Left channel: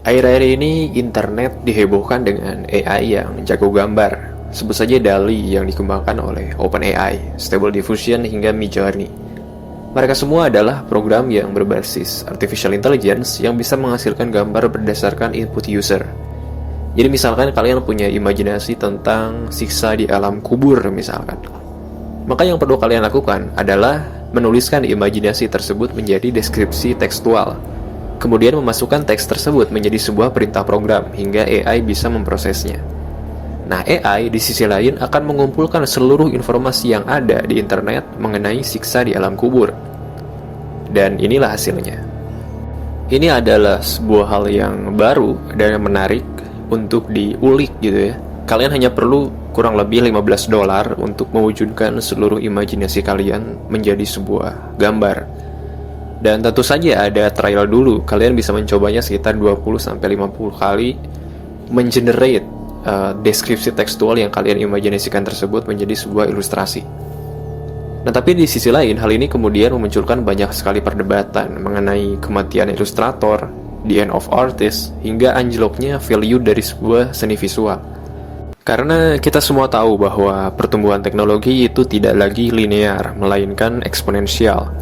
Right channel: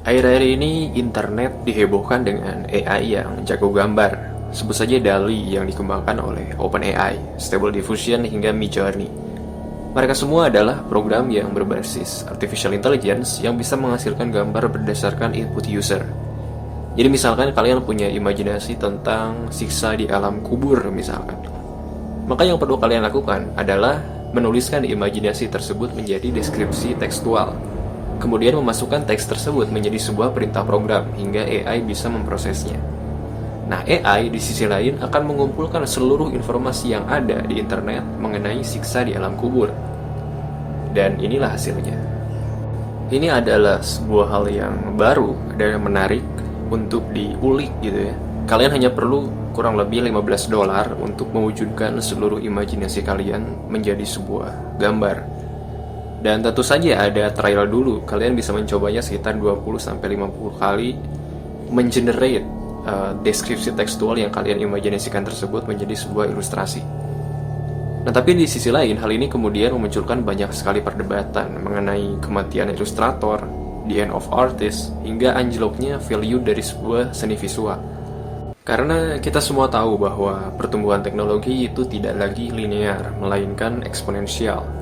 Akhir-akhir ini internet dihebohkan dengan AI yang jago gambar. Sebut saja DALL-E yang dikembangkan oleh OpenAI, Stable Diffusion hingga Midjourney. Mereka semua adalah program yang berbasis artificial intelligence yang bisa menghasilkan gambar berdasarkan input user. Jadi misalkan kalian punya imajinasi tentang siksa di alam kubur misalkan. Maka yang perlu kalian lakukan adalah menuliskan imajinasi tersebut menjadi deskripsi tekstual. Kemudian memasukkan teks tersebut menjadi sebuah perintah program hingga AI bisa memprosesnya. Nah, AI di sisi lain akan mengumpulkan seluruh informasi yang ada di internet mengenai siksa di alam kubur. Dan inilah hasilnya. Ini adalah sebuah hal yang baru dan yang menarik untuk diulik gitu ya. Kalian hanya perlu kurang lebih $15 untuk mewujudkan seluruh imajinasi kalian menjadi sebuah gambar. Dan tentu saja ada trial dulu. Kalian bisa mencobanya sekitar 20-50 kali mengenerate deskripsi tekstual yang kalian imajinasikan tersebut menjadi sebuah ilustrasi. Nah, tapi di sisi lain, hal ini kemudian memunculkan banyak sekali perdebatan mengenai kematian ilustrator, the end of artist, hingga anjloknya value dari sebuah seni visual. Karena kita semua tahu bahwa pertumbuhan teknologi itu tidak lagi linear, melainkan eksponensial.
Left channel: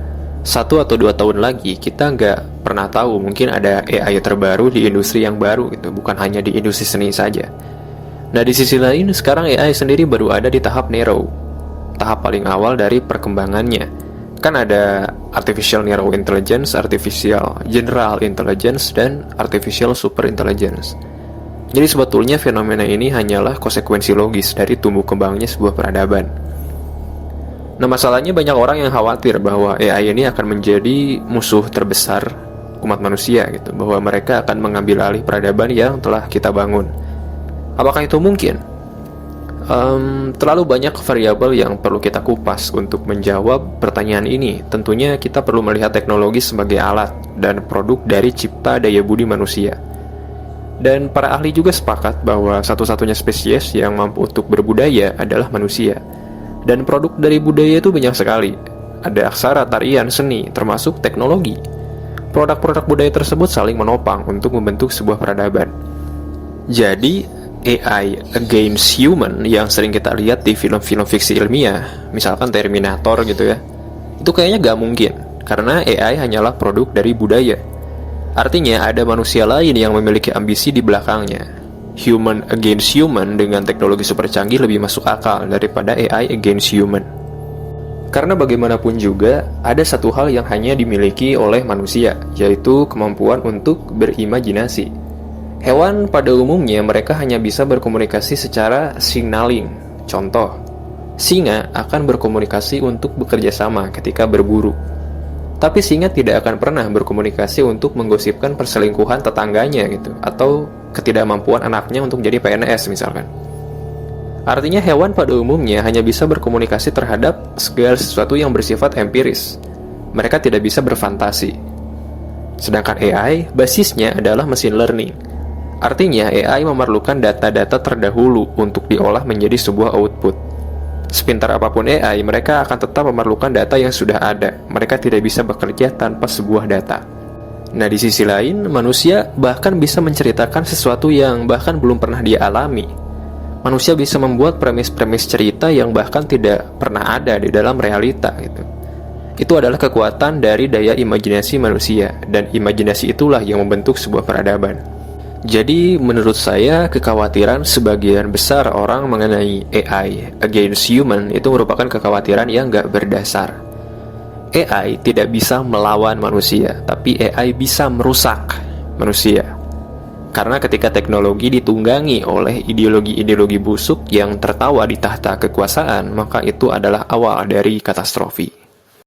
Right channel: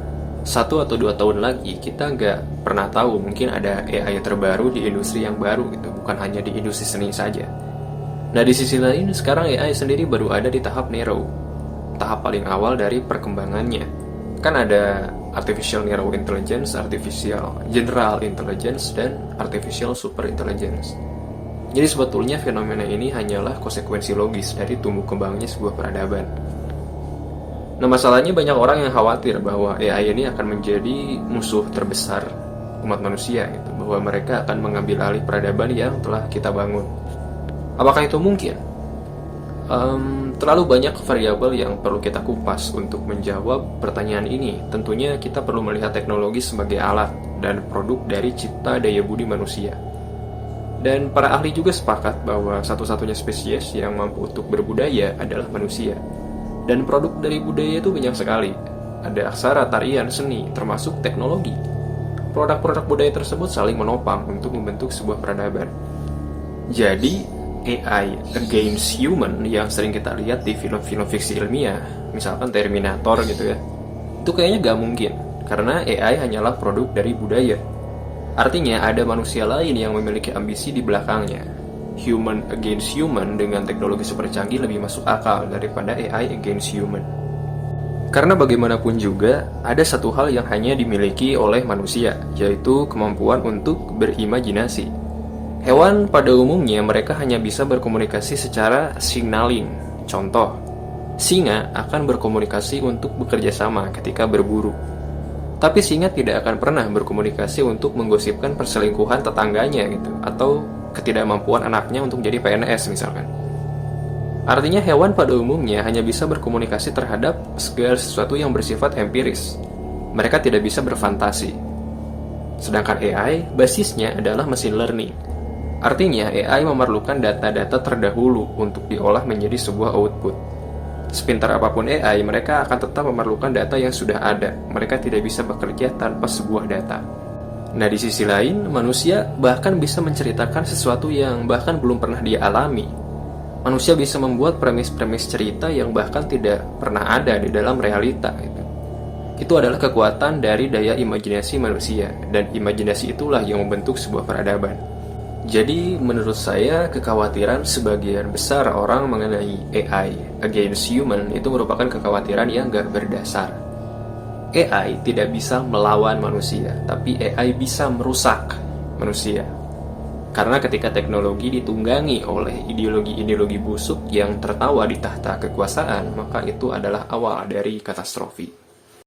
1 atau 2 tahun lagi, kita nggak pernah tahu, mungkin ada AI terbaru di industri yang baru gitu, bukan hanya di industri seni saja. Nah, di sisi lain, sekarang AI sendiri baru ada di tahap narrow, tahap paling awal dari perkembangannya. Kan ada artificial narrow intelligence, artificial general intelligence, dan artificial super intelligence. Jadi sebetulnya fenomena ini hanyalah konsekuensi logis dari tumbuh kembangnya sebuah peradaban. Nah, masalahnya banyak orang yang khawatir bahwa AI ini akan menjadi musuh terbesar umat manusia gitu, bahwa mereka akan mengambil alih peradaban yang telah kita bangun. Apakah itu mungkin? Terlalu banyak variabel yang perlu kita kupas untuk menjawab pertanyaan ini. Tentunya kita perlu melihat teknologi sebagai alat dan produk dari cipta daya budi manusia. Dan para ahli juga sepakat bahwa satu-satunya spesies yang mampu untuk berbudaya adalah manusia. Dan produk dari budaya itu banyak sekali. Ada aksara, tarian, seni, termasuk teknologi. Produk-produk budaya tersebut saling menopang untuk membentuk sebuah peradaban. Jadi, AI against human yang sering kita lihat di film-film fiksi ilmiah, misalkan Terminator gitu ya, itu kayaknya gak mungkin, karena AI hanyalah produk dari budaya. Artinya ada manusia lain yang memiliki ambisi di belakangnya. Human against human dengan teknologi super canggih lebih masuk akal daripada AI against human. Karena bagaimanapun juga, ada satu hal yang hanya dimiliki oleh manusia, yaitu kemampuan untuk berimajinasi. Hewan pada umumnya mereka hanya bisa berkomunikasi secara signaling. Contoh, singa akan berkomunikasi untuk bekerja sama ketika berburu. Tapi singa tidak akan pernah berkomunikasi untuk menggosipkan perselingkuhan tetangganya gitu, atau ketidakmampuan anaknya untuk jadi PNS misalkan. Artinya hewan pada umumnya hanya bisa berkomunikasi terhadap segala sesuatu yang bersifat empiris. Mereka tidak bisa berfantasi. Sedangkan AI basisnya adalah machine learning. Artinya, AI memerlukan data-data terdahulu untuk diolah menjadi sebuah output. Sepintar apapun AI, mereka akan tetap memerlukan data yang sudah ada. Mereka tidak bisa bekerja tanpa sebuah data. Nah, di sisi lain, manusia bahkan bisa menceritakan sesuatu yang bahkan belum pernah dia alami. Manusia bisa membuat premis-premis cerita yang bahkan tidak pernah ada di dalam realita gitu. Itu adalah kekuatan dari daya imajinasi manusia, dan imajinasi itulah yang membentuk sebuah peradaban. Jadi menurut saya kekhawatiran sebagian besar orang mengenai AI against human itu merupakan kekhawatiran yang gak berdasar. AI tidak bisa melawan manusia, tapi AI bisa merusak manusia. Karena ketika teknologi ditunggangi oleh ideologi-ideologi busuk yang tertawa di tahta kekuasaan, maka itu adalah awal dari katastrofi.